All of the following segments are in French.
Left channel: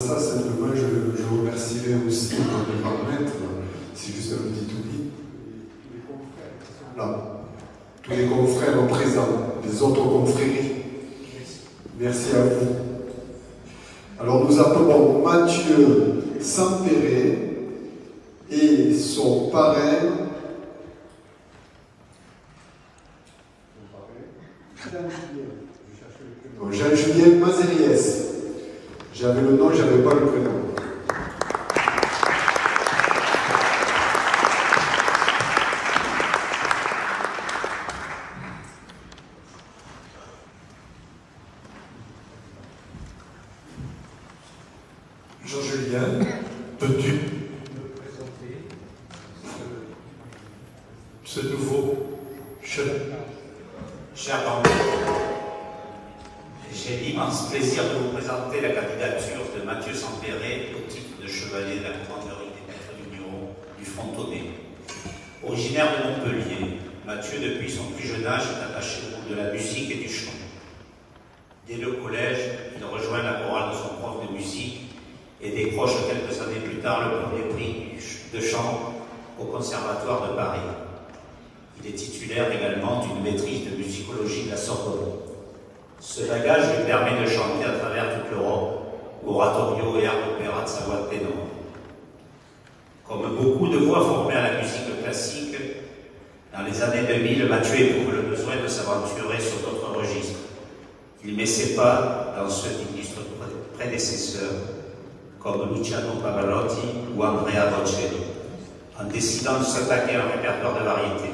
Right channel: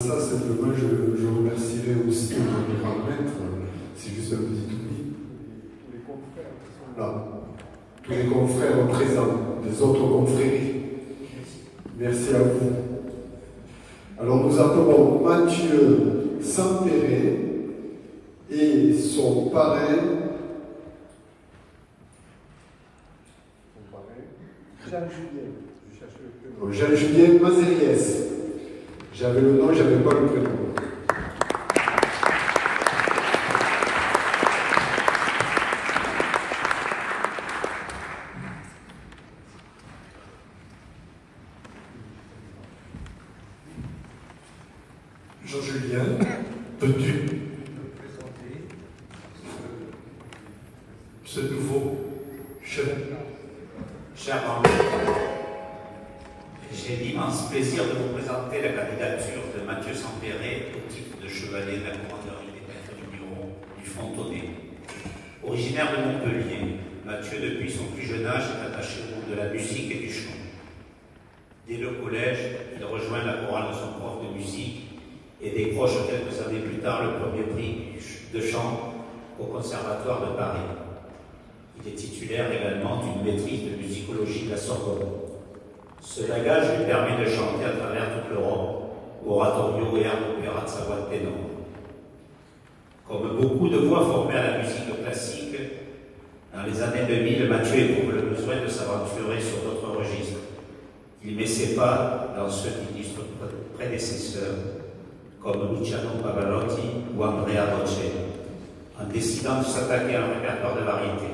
Ça, simplement, je remercierai aussi les grands maîtres, c'est juste un petit oubli. Tous les confrères qui sont là. Tous les confrères présents, les autres confréries. Merci à vous. Alors nous appelons Mathieu Sampéré et son parrain. Jean-Julien Mazériès. J'avais le nom, j'avais pas le prénom. Jean-Julien, peux-tu me présenter ce nouveau chef? Cher André, j'ai l'immense plaisir de vous présenter la candidature de Mathieu Sampéré au titre de chevalier de la commanderie des maîtres vignerons du Frontonnet. Originaire de Montpellier, Mathieu, depuis son plus jeune âge, est attaché au monde de la musique et du chant. Dès le collège, il rejoint la chorale de son prof de musique et décroche quelques années plus tard le premier prix de chant au Conservatoire de Paris. Il est titulaire également d'une maîtrise de musicologie de la Sorbonne. Ce bagage lui permet de chanter à travers toute l'Europe, oratorio et air d'opéra de sa voix de ténor. Comme beaucoup de voix formées à la musique classique, dans les années 2000, Mathieu éprouve le besoin de s'aventurer sur d'autres registres. Il met ses pas dans ceux d'illustres prédécesseurs, comme Luciano Pavarotti ou Andrea Bocelli, en décidant de s'attaquer à un répertoire de variété.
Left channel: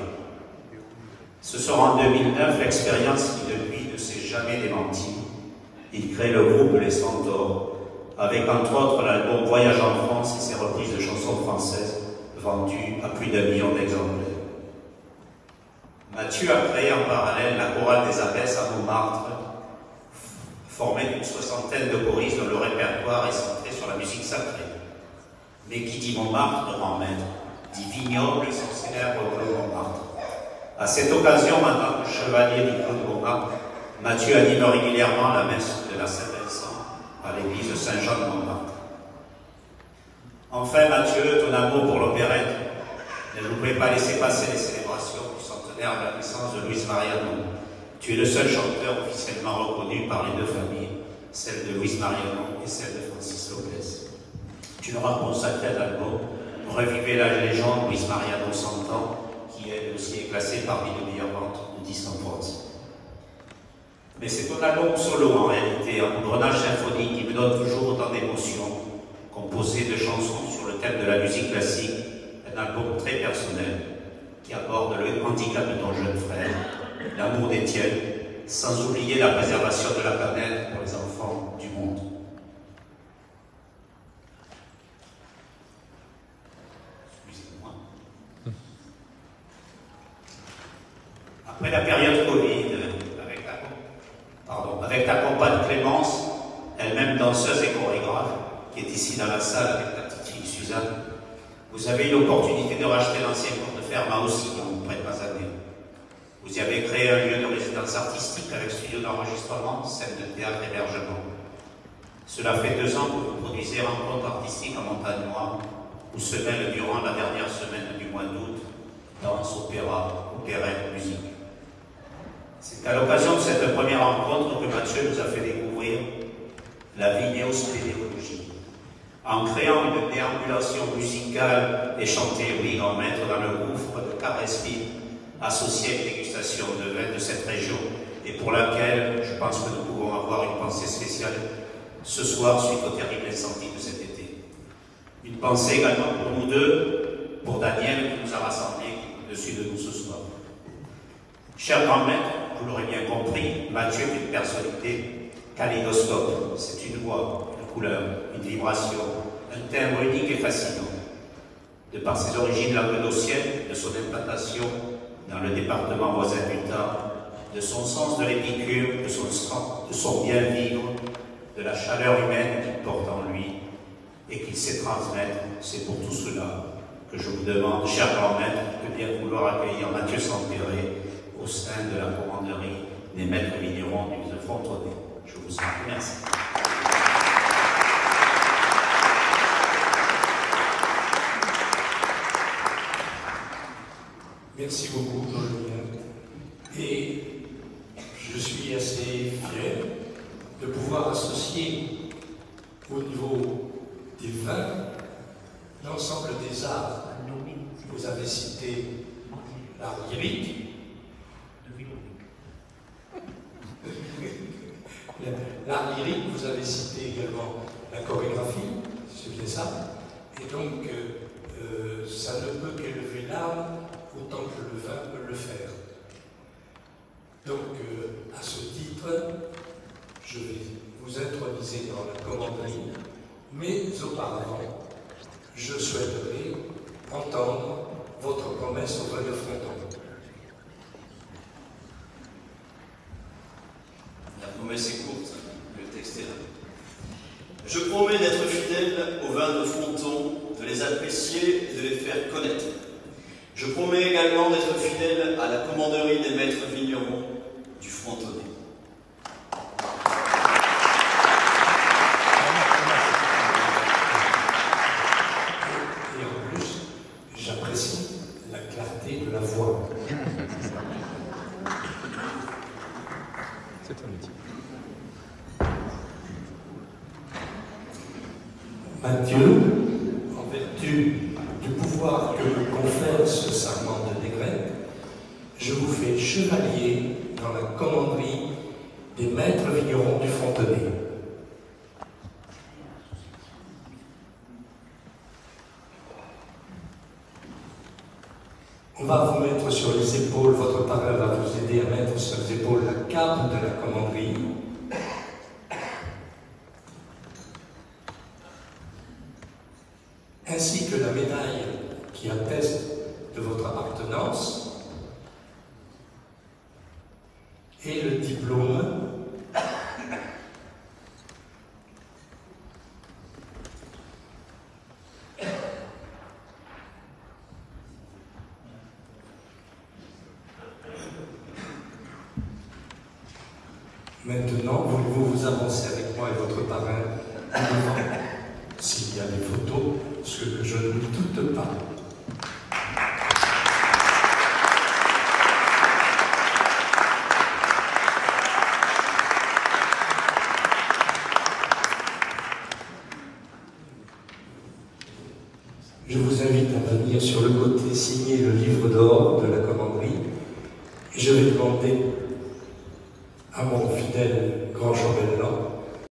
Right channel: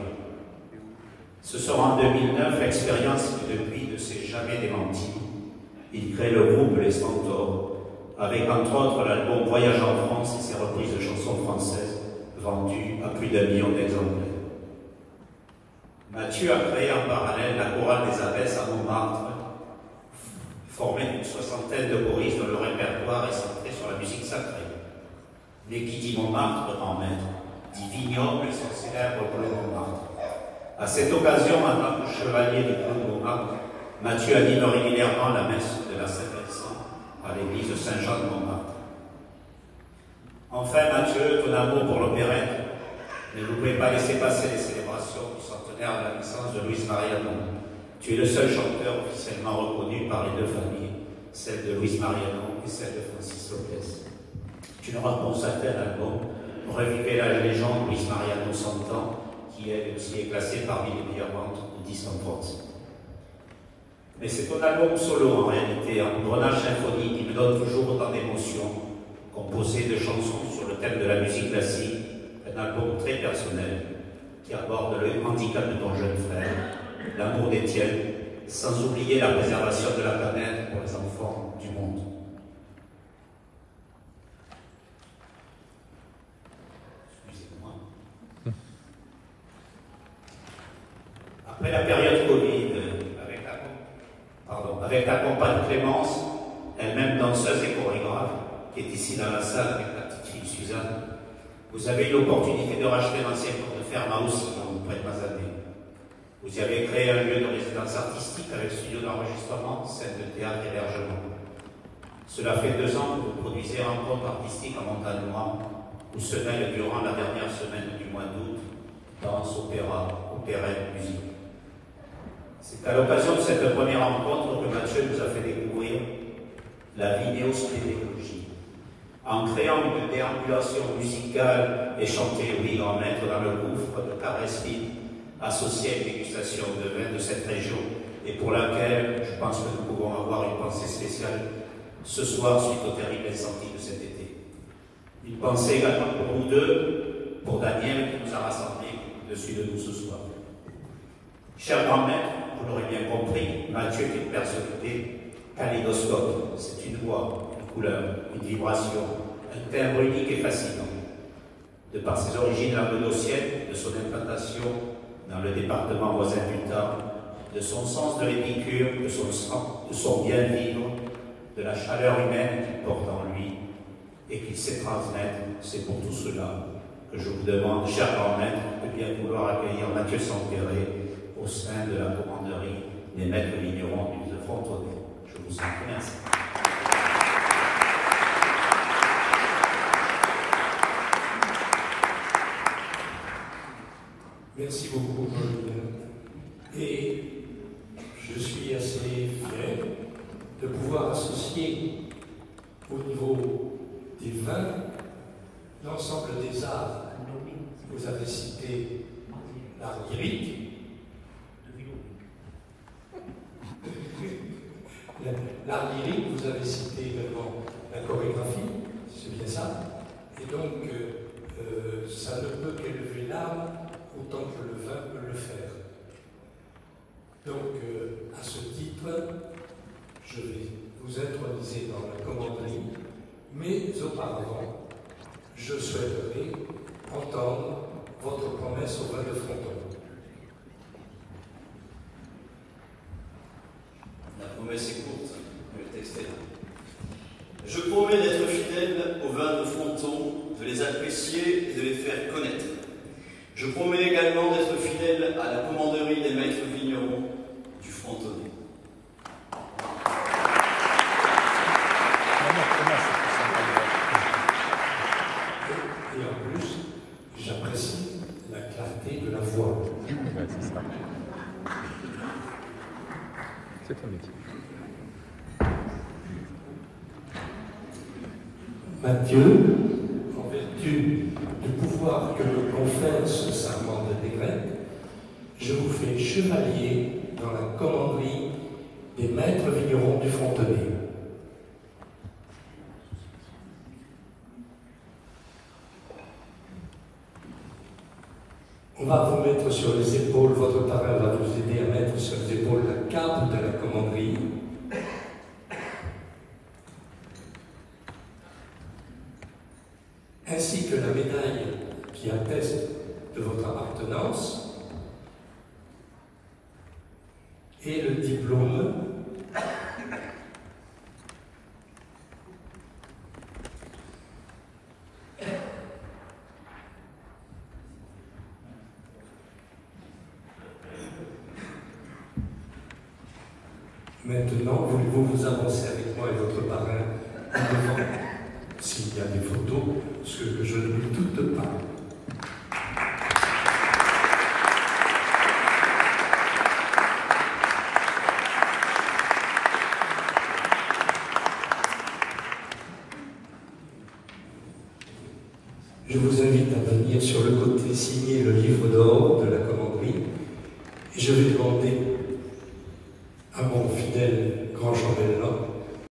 Ce sera en 2009 l'expérience qui, depuis, ne s'est jamais démentie. Il crée le groupe Les Centaures, avec entre autres l'album Voyage en France et ses reprises de chansons françaises, vendues à plus d'1 million d'exemplaires. Mathieu a créé en parallèle la chorale des Abbesses à Montmartre, formée d'une 60aine de choristes dont le répertoire est centré sur la musique sacrée. Mais qui dit Montmartre, grand maître, dit vignoble, son célèbre Claude Montmartre. À cette occasion, en tant que chevalier du Claude Montmartre, Mathieu anime régulièrement la messe de la Saint-Vincent à l'église Saint-Jean de Montmartre. Enfin, Mathieu, ton amour pour l'opérette, ne nous pouvez pas laisser passer les célébrations du centenaire de la naissance de Luis Mariano. Tu es le seul chanteur officiellement reconnu par les deux familles, celle de Luis Mariano et celle de Francis Lopez. Tu leur as consacré l'album Revivez la légende Luis Mariano 100 ans, qui elle aussi est classée parmi les meilleures ventes de disques en France. Mais c'est ton album solo en réalité, un engrenage symphonique qui me donne toujours autant d'émotions, composé de chansons sur le thème de la musique classique, un album très personnel qui aborde le handicap de ton jeune frère, l'amour des tiens, sans oublier la préservation de la planète pour les enfants du monde. Après la période Covid, avec ta compagne Clémence, elle-même danseuse et chorégraphe, qui est ici dans la salle avec ta petite fille Suzanne, vous avez eu l'opportunité de racheter l'ancien port de ferme aussi comme vous prête années. Vous y avez créé un lieu de résidence artistique avec studio d'enregistrement, scène de théâtre, hébergement. Cela fait 2 ans que vous produisez rencontres artistiques en montagne noire, où se mêlent durant la dernière semaine du mois d'août, danse, opéra, opérette, musique. C'est à l'occasion de cette première rencontre que Mathieu nous a fait découvrir la vignéospédéologie. En créant une déambulation musicale et chantée, oui, en maître dans le gouffre de Carespine, associée à une dégustation de vin de cette région, et pour laquelle je pense que nous pouvons avoir une pensée spéciale ce soir suite au terrible incendie de cet été. Une pensée également pour nous deux, pour Daniel qui nous a rassemblés au-dessus de nous ce soir. Cher grand maître, vous l'aurez bien compris, Mathieu est une personnalité kaléidoscope. C'est une voix, une couleur, une vibration, un timbre unique et fascinant. De par ses origines languedociennes, de son implantation dans le département voisin du Tarn, de son sens de l'épicure, de son bien-vivre, de la chaleur humaine qu'il porte en lui et qu'il sait transmettre, c'est pour tout cela que je vous demande, cher grand maître, de bien vouloir accueillir Mathieu Sampéré au sein de la commanderie des maîtres vignerons du Frontonnet. Je vous en remercie. Merci beaucoup, Julien. Et je suis assez fier de pouvoir associer au niveau des vins l'ensemble des arts. Vous avez cité l'art lyrique, l'art lyrique, vous avez cité également la chorégraphie, c'est bien ça. Et donc, ça ne peut qu'élever l'âme autant que le vin peut le faire. Donc, à ce titre, je vais vous introniser dans la commanderie, mais auparavant, je souhaiterais entendre votre promesse au vin de Fredon. La promesse est courte, le texte est là. Je promets d'être fidèle aux vins de Fronton, de les apprécier et de les faire connaître. Je promets également d'être fidèle à la commanderie des maîtres vignerons du Frontonnet. Et en plus, j'apprécie la clarté de la voix. C'est ton métier. Mathieu, en vertu du pouvoir que me confère ce serment de décret, je vous fais chevalier dans la commanderie des maîtres vignerons du Frontonnet. On va vous mettre sur les épaules, votre parrain va vous aider à mettre sur les épaules la cape de la commanderie. Ainsi que la médaille qui atteste de votre appartenance et le diplôme Maintenant, voulez-vous vous avancer avec moi et votre parrain devant, s'il y a des photos, ce que je ne lui doute pas. Je vous invite à venir sur le côté signer le livre d'or de la commanderie et je vais demander